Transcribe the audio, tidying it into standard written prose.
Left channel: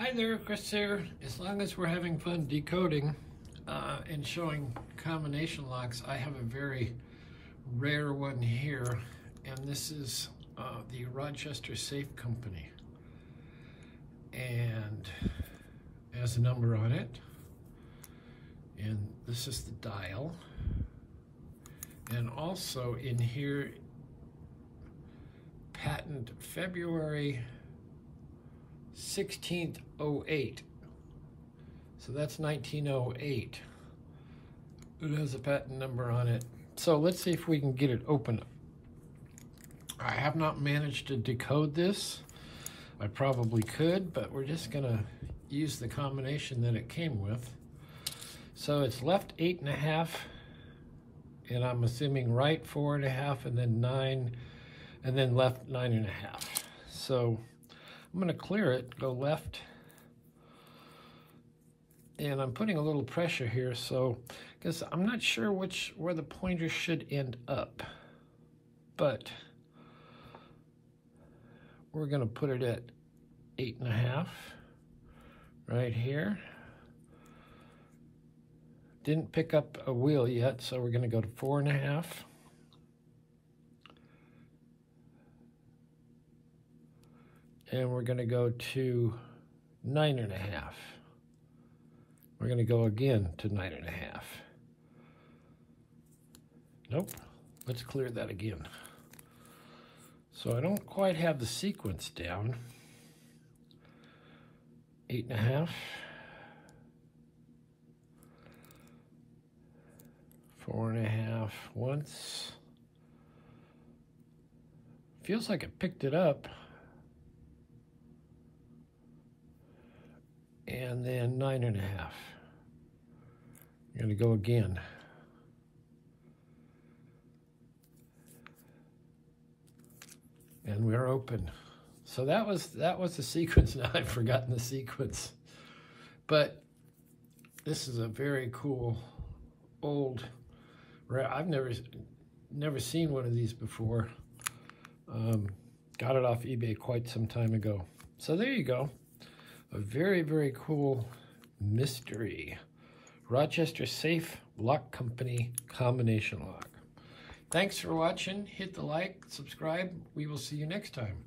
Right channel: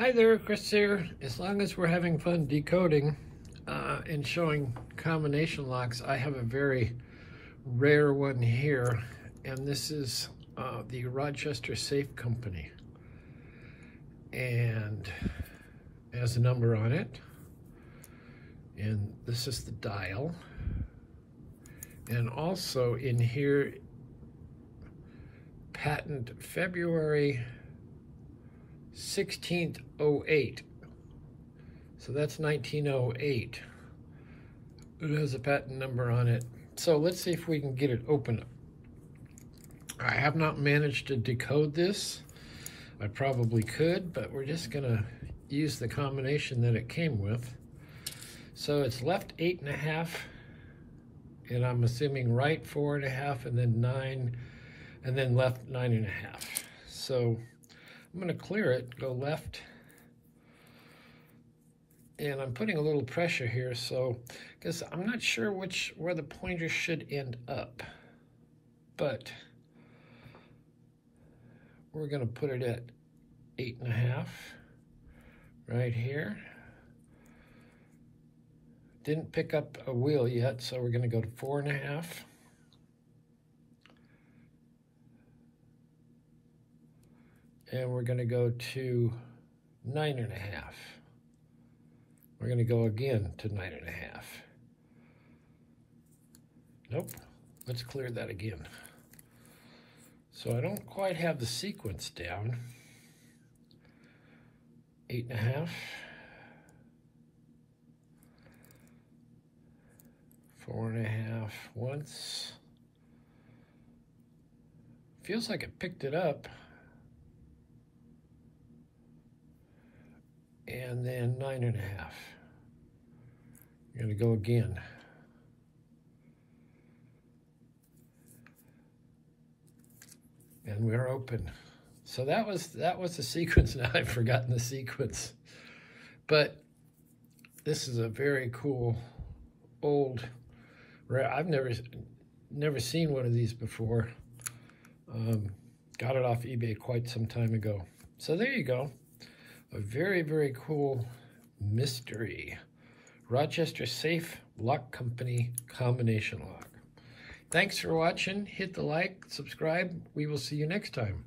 Hi there, Chris here. As long as we're having fun decoding and showing combination locks, I have a very rare one here, and this is the Rochester Safe Company. And it has a number on it, and this is the dial. And also in here, patent February 16th, 08. So that's 1908. It has a patent number on it. So let's see if we can get it open. I have not managed to decode this. I probably could, but we're just gonna use the combination that it came with. So it's left 8.5, and I'm assuming right 4.5, and then 9, and then left 9.5. So I'm gonna clear it, go left, and I'm putting a little pressure here, so, because I'm not sure where the pointer should end up, but we're gonna put it at 8.5, right here. Didn't pick up a wheel yet, so we're gonna go to 4.5. And we're gonna go to 9.5. We're gonna go again to 9.5. Nope, let's clear that again. So I don't quite have the sequence down. 8.5. 4.5 once. Feels like it picked it up. And then 9.5. I'm gonna go again. And we're open. So that was the sequence. Now I've forgotten the sequence. But this is a very cool old, I've never seen one of these before. Got it off eBay quite some time ago. So there you go. A very, very cool mystery Rochester Safe Lock Company combination lock. Thanks for watching. Hit the like, subscribe. We will see you next time.